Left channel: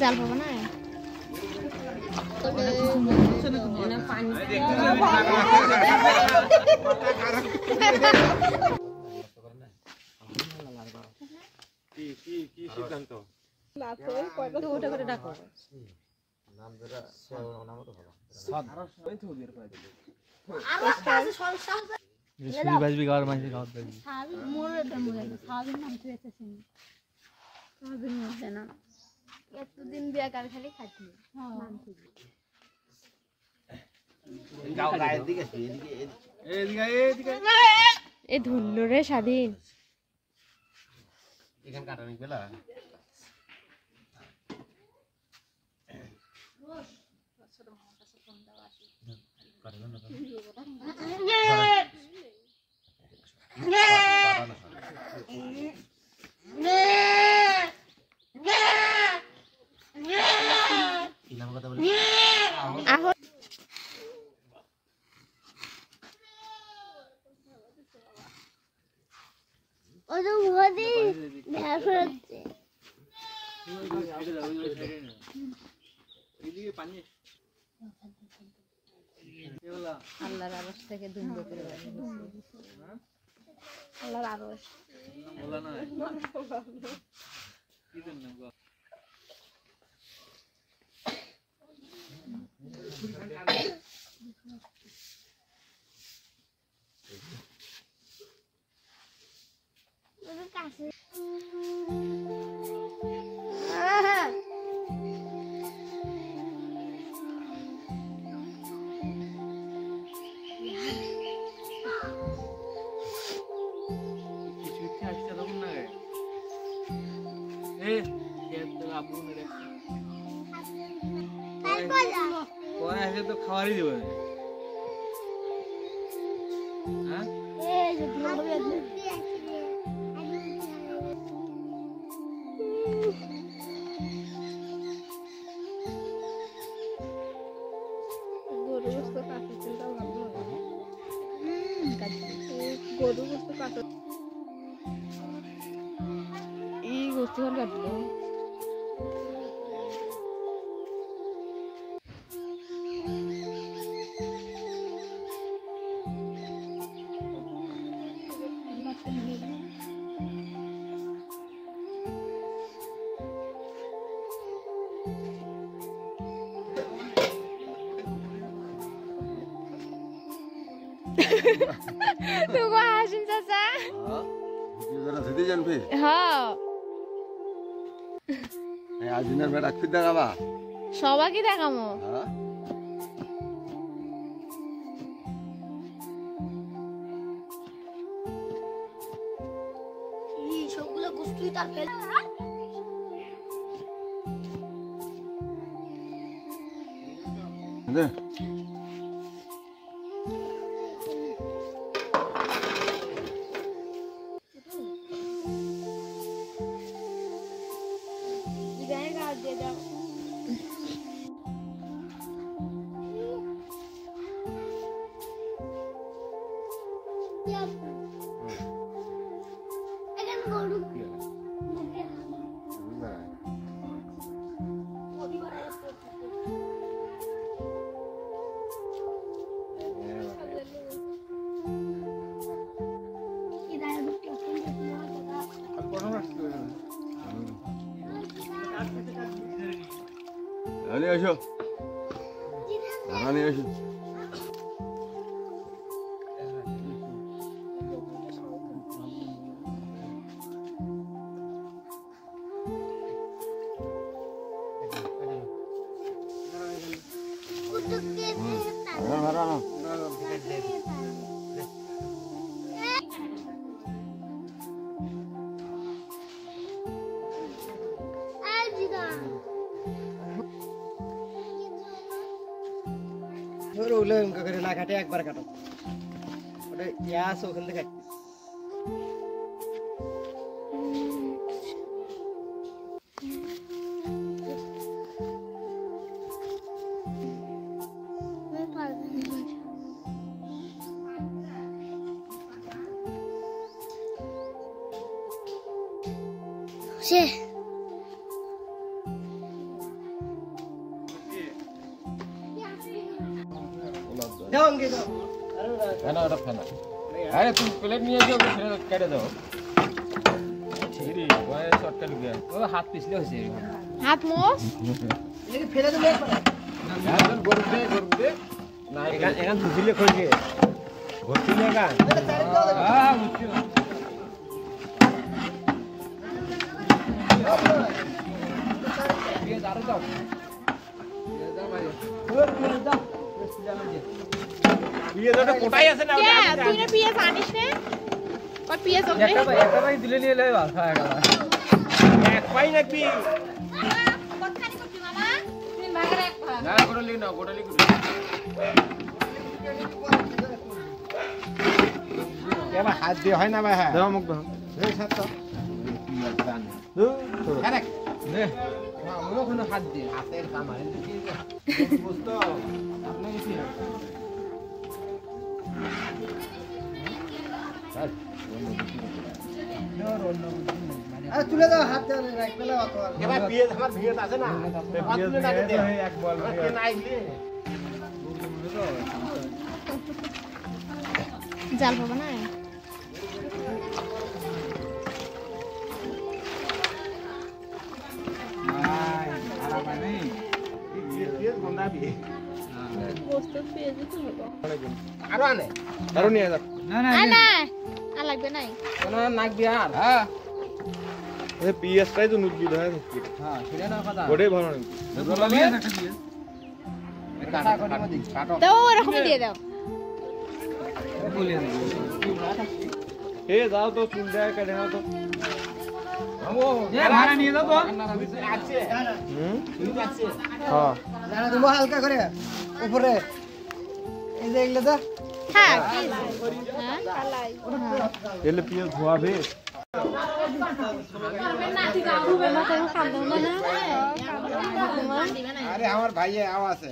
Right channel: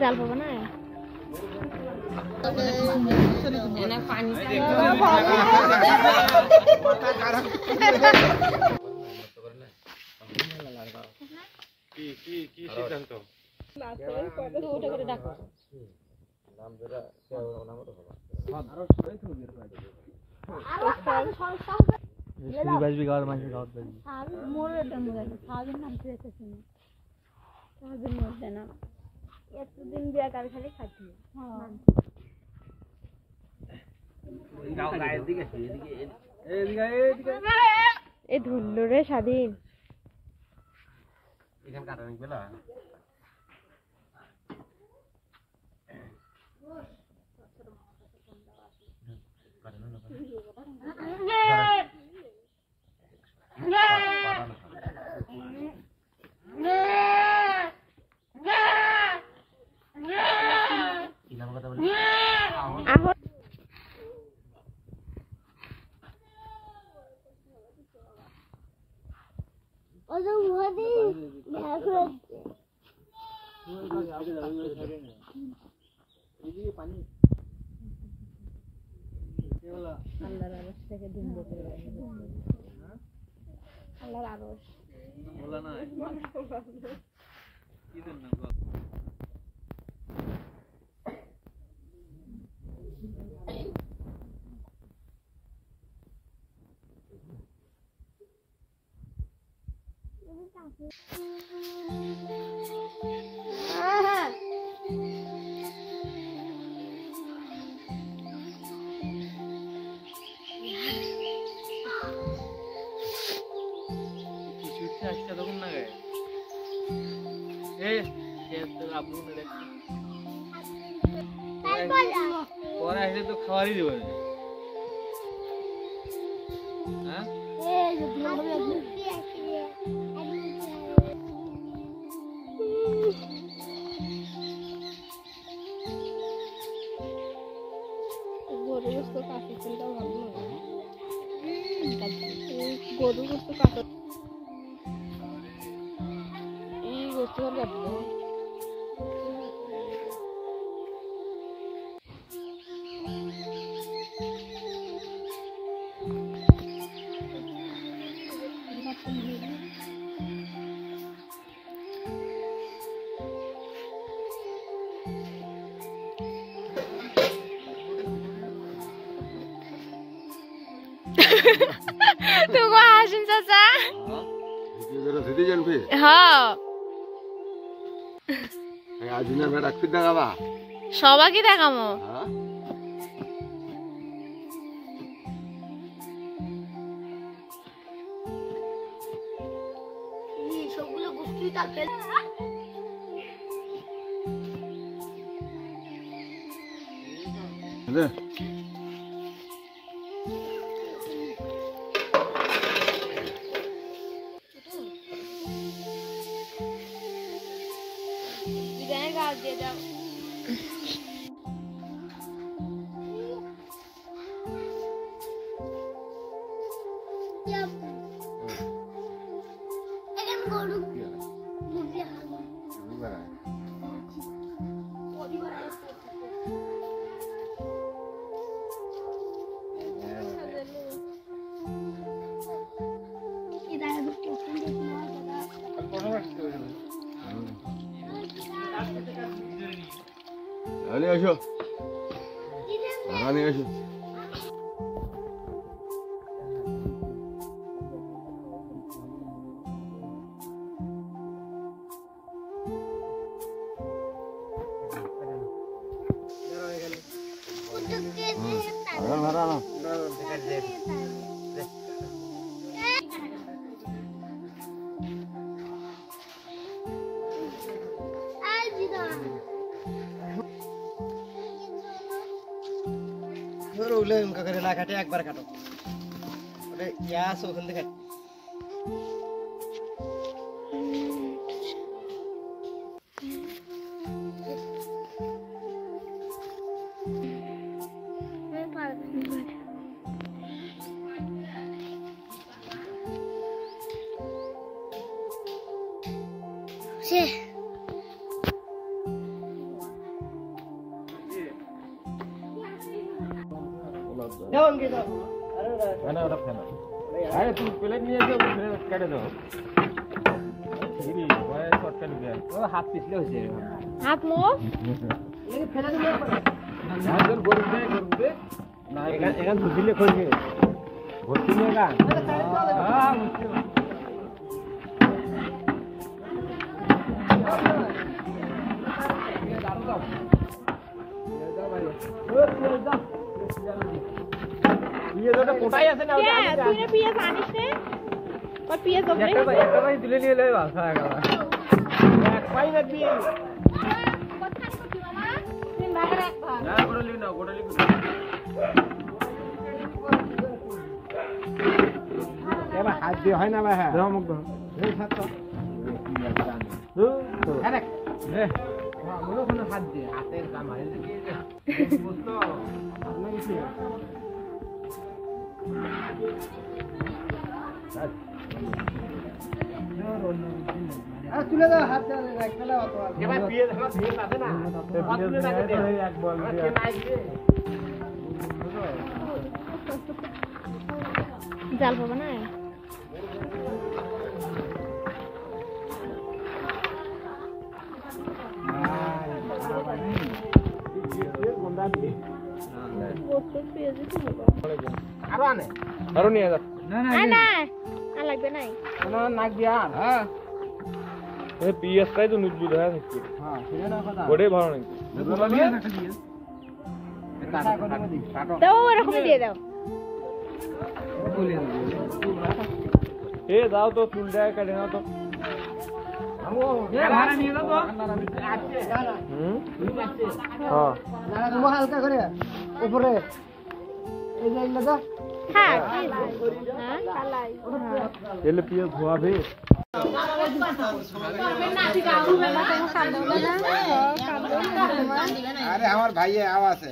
জাল পাবো না কি সিদ্ধান্ত এতদিন বিয়া কার খালি খাচ্ছি এ ধরলো রে স্বাধীন এখানে কাটা নিক বেলা কথা বলি আল্লাহর আরশ থেকে দুম্ব করে আল্লাহর আরশ তো খাওয়ারই দেবো গরু গোস্ত কাঁচা তেলটা ভালো লাগে গরু গোস্ত কাঁচা এই গোস্ত ভালো লাগলো तू को हासिम चाचा ভিডিও জরা দিদি জানবে হ্যাঁ এই আজুনের বেটা খুদ দেখাবা সবাইকে দেখামো হ্যাঁ এই সবগুলো গুস্তুই তার ফেল দে दे जाओ আরে আসো আরে আসো আরে ভাড়া না ওলে উনকা করে না কাটে একবার কাটো ওরে গ্যাস ওখান থেকে সে ফেনা ওটা ফেনা আরে তুমি প্লেট নিয়ে এসো কেটে দাও ছিরি ওই শর্টকাট গিয়া ও হাত পিছলে হইছে হাত মোস এনে ফেলে দিলে গরু দে না এখান ধুইলে কই দিয়ে ভর্তি নিয়ে গা বুঝছো তুই না পিয়াজ আনিস নে কত পিয়াজ হবে একটা ভাই দিলে নিয়ে লই ভালো খাওয়া গেল এক পাই নাকি না গোড়ালি না গোড়ালি এবার হাত দিয়ে হয় না ভাই হ্যাঁ দাও মুখ দাও এই ছাড় তো আরে নে আমরাও কোনো হাত দিয়ে হাতের কাম আরে বুঝতো আপনি কি তুলে দাও হাত দিয়ে রাখতে লাও তো এবার পিয়াজ আমার পিয়াজ আছে না কত দিন আগে দে এক বল জাল হবে না আরো আনে আরো নিয়ে যাও না না না আর লাগবে নাই তোমার নাক বিয়ার হ্যাঁ ওই পিএসটাই তো নুজবি ধরে নিচ্ছি হ্যাঁ সেটা না কথা ওরে ভালো নাকি গোলালি একটা দিয়ে কাটা কাটা মধ্যে কাটো দাও এরকম দিয়ে দাও এ দাও তো চুলটা কেটে নাও তো আমো ভাড়া নিয়ে দাও তো আছে ঠিক আছে হ্যাঁ না তুমি হালকা করে উপরে এই যে এগুলো তো হ্যাঁ হ্যাঁ কালাই এলে পিয়াজ ধোয়াবে আরে আমার ভাইয়ে আওয়াজ আছে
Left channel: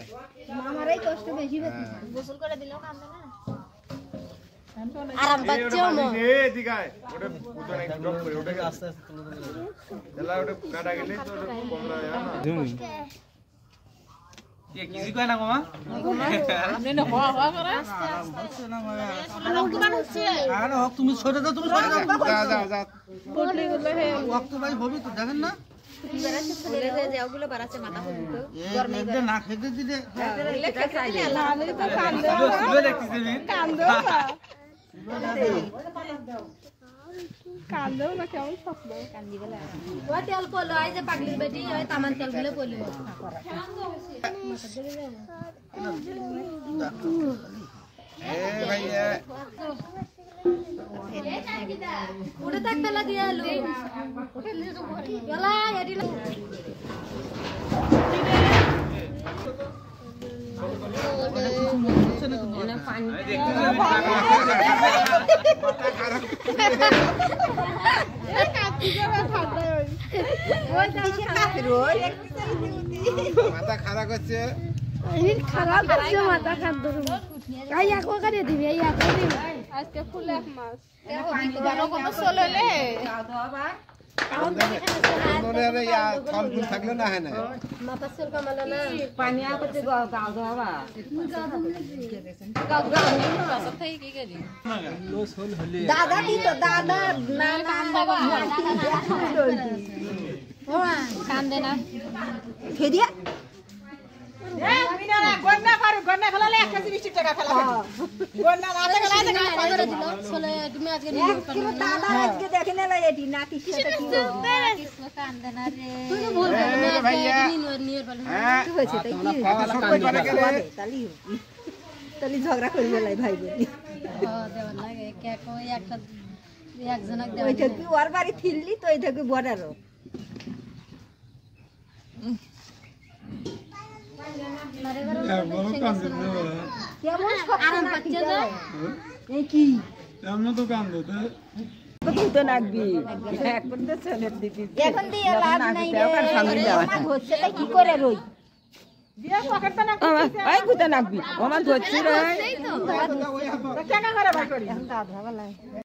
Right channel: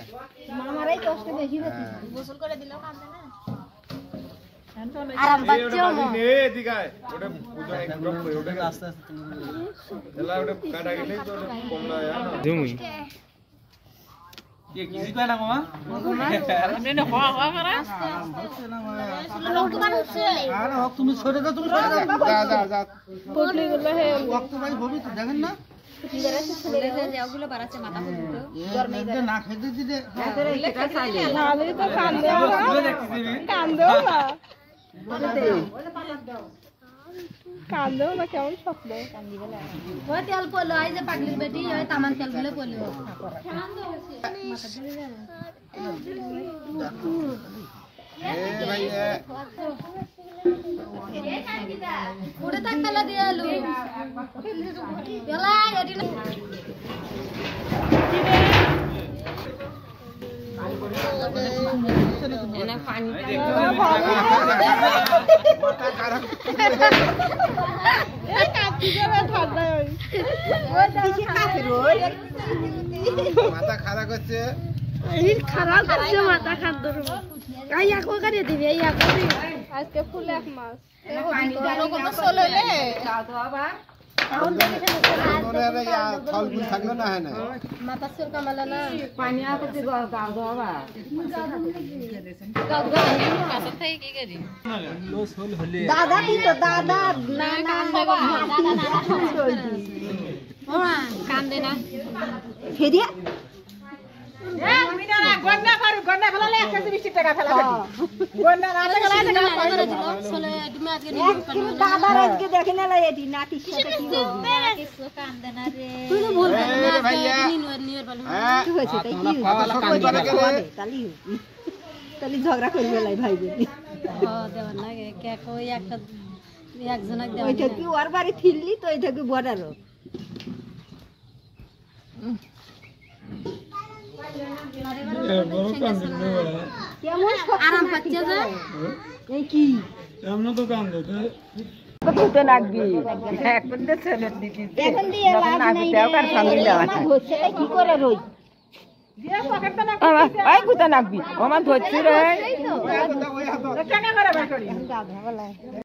মামারাই কষ্ট বেশি বেশি গোসল করে দিলেও কাঁদে না আর বাচ্চাও না এই দিগায় ওটা পুরো একদম করে ওটাকে আস্তে আস্তে তুলে ওটা কাটা গেলে তো ওটা কমলা যায় না জমি কে কিছু কয় না মামা আপনি না হওয়া হওয়া করে লোকমান হচ্ছে আর হক তুমি ছোট দাও তুমি ছোট দাও যা যা পড়লি গুলো হে ওয়াক্ত ভাই হবে তো দেখেন না বিরাসে ছেলে যে ওগুলো বাড়াচ্ছে মাথা পর্যন্ত গরমে একদম না খেতে দিতে লেখা চাইলে না আমি তো কান্দে সুবে দেখতেছি কান্দে কান্দে না কেমন স্বপ্ন কান্দি বলে ও তেল পড়লো আই যে পাগলির বেটি ওই তামান তেল গুলো পড়লো এ ভাই ওটা তাক মেলা দিয়ে এলো গেলা এডি না মাথা খারাপ করছে খারাপ করছে মাথা খান ধরুন এই এক করে দিবি এই এক করে আজকে ফুল এক মাস পানি বড় কত চললে ফল ফুল থাকলো না হয় না মাথা সর কামালা না পানি আনতে গাও দাও বাবা গাও গাও কাছে থেকে কি করি দাদা দি তো দাদা না না বাবা দাদা না সবাই কান্দে না ফেরিয়া গন্ডা খেলালে 120 টাকা ফেলা গন্ডা না খেলালে চলে তুমি আজকে কিন্তু দাদা আজকে দেখে না এটি না কিছু কি কিছু কান্দে না রে তুমি ভুল এ ভাইয়া নিয়ে বলে হ্যাঁ কি হয়েছে তাই কি খাওয়ালা কান্দি করে গেলে তালি তালি ঝগড়া করবে লাই ভাই বোন ও দেওয়ার লাগে কে কই একটা একজনক দেওয়া ওইটা কি ওর বাড়ি থিললি তো এইটা কি বড়ারও কেমন আরাম পাচ্ছে যে এই কি এমন তো কান্দে তো লাগবি এখন তো ছেলে দিদি এখন দিয়ে লাভ নেই ধরছে কি করে রই ওই গুতা লাগবি আমার ধরছি রে এই তো কেন করে বার করি